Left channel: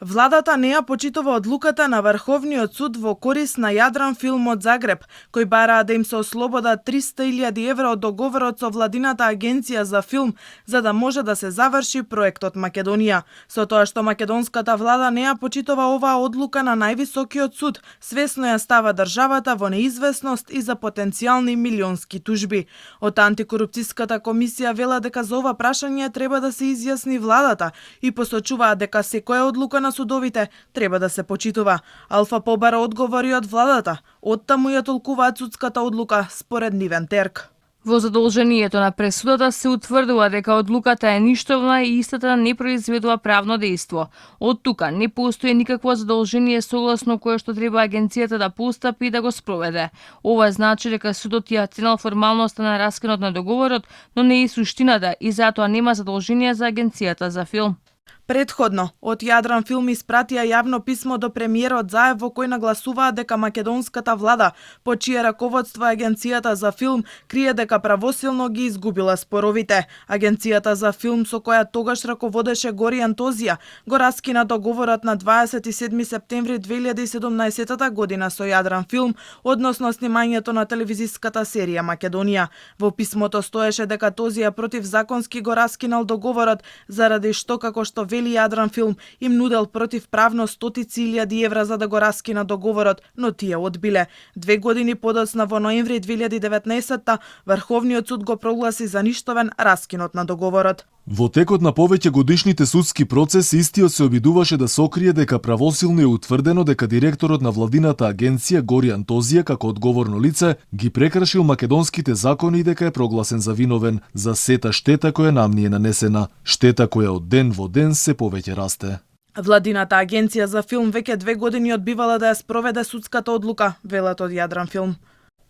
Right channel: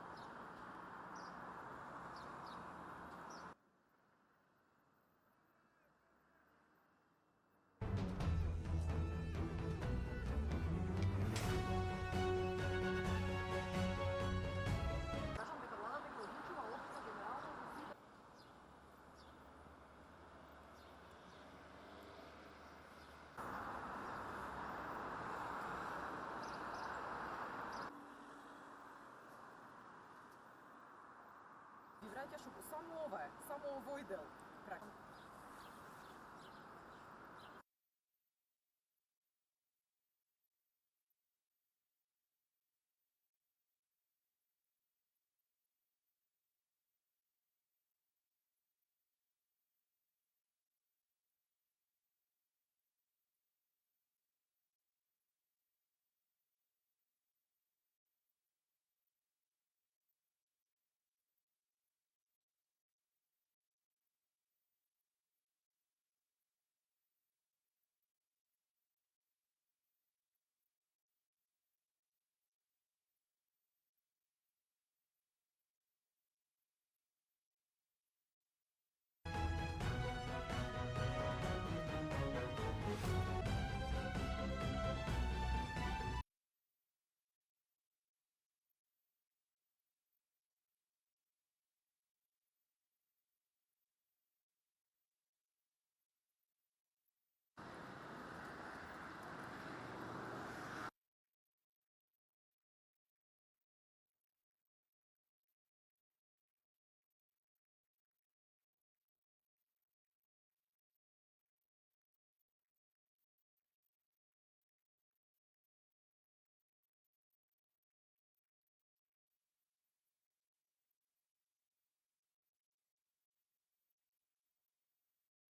Владата не ја почитува одлуката на Врховниот суд во корис на Јадран Филм од Загреб, кои бараа да им се ослободат 300.000 евра од договорот со владината агенција за филм, за да може да се заврши проектот Македонија. Со тоа што македонската влада не ја почитува оваа одлука на највисокиот суд, свесно ја става државата во неизвестност и за потенцијални милионски тужби. Од антикорупцијската комисија велат дека за ова прашање треба да се изјасни владата и посочуваат дека секоја одлука на судовите треба да се почитува. Алфа побара одговори од владата, оттаму ја толкуваат судската одлука според нивен терк. Во задолжението на пресудата се утврдува дека одлуката е ништовна и истата не произведува правно дејство. Од тука не постои никакво задолжение согласно кое што треба агенцијата да постапи и да го спроведе. Ова значи дека судот ја ценел формалноста на раскинот на договорот, но не и суштината и затоа нема задолжение за агенцијата за филм. Предходно, од Јадран Филм испратија јавно писмо до премиерот Заев во кој нагласуваат дека македонската влада, по чие раководство агенцијата за филм, крие дека правосилно ги изгубила споровите. Агенцијата за филм со која тогаш раководеше Гори Антозија го раскина договорот на 27 септември 2017 година со Јадран Филм, односно снимањето на телевизиската серија Македонија. Во писмото стоеше дека Тозија противзаконски го раскинал договорот заради што, како што вели Јадран Филм, им нудел противправно стотици илјади евра за да го раскина договорот, но тие одбиле. 2 години подоцна во ноември 2019 Врховниот суд го прогласи за ништовен раскинот на договорот. Во текот на повеќе годишните судски процеси истиот се обидуваше да сокрие дека правосилно е утврдено дека директорот на владината агенција Гори Антозија како одговорно лице ги прекршил македонските закони и дека е прогласен за виновен за сета штета која нам ни е нанесена, штета која од ден во ден се повеќе расте. Владината агенција за филм веќе 2 години одбивала да ја спроведе судската одлука, велат од Јадран Филм.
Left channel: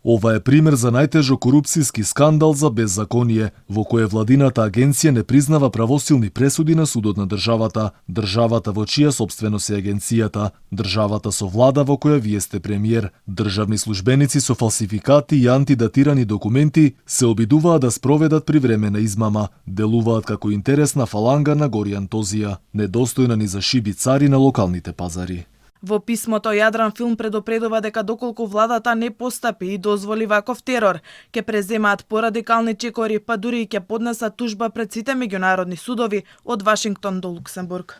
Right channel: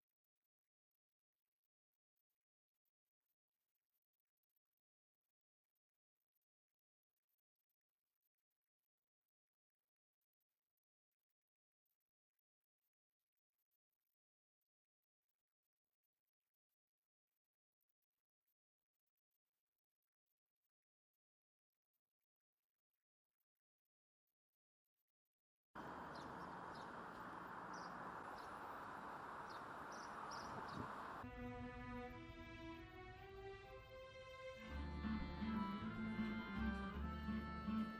Ова е пример за најтежок корупцијски скандал за беззаконие, во кое владината агенција не признава правосилни пресуди на судот на државата, државата во чија собственост е агенцијата, државата со влада во која вие сте премиер. Државни службеници со фалсификати и антидатирани документи се обидуваат да спроведат привремена измама, делуваат како интересна фаланга на Гори Антозија, недостојна ни за шиби цари на локалните пазари. Во писмото Јадран Филм предупредува дека доколку владата не постапи и дозволи ваков терор, ќе преземаат порадикални чекори, па дури и ќе поднесат тужба пред сите меѓународни судови од Вашингтон до Луксембург.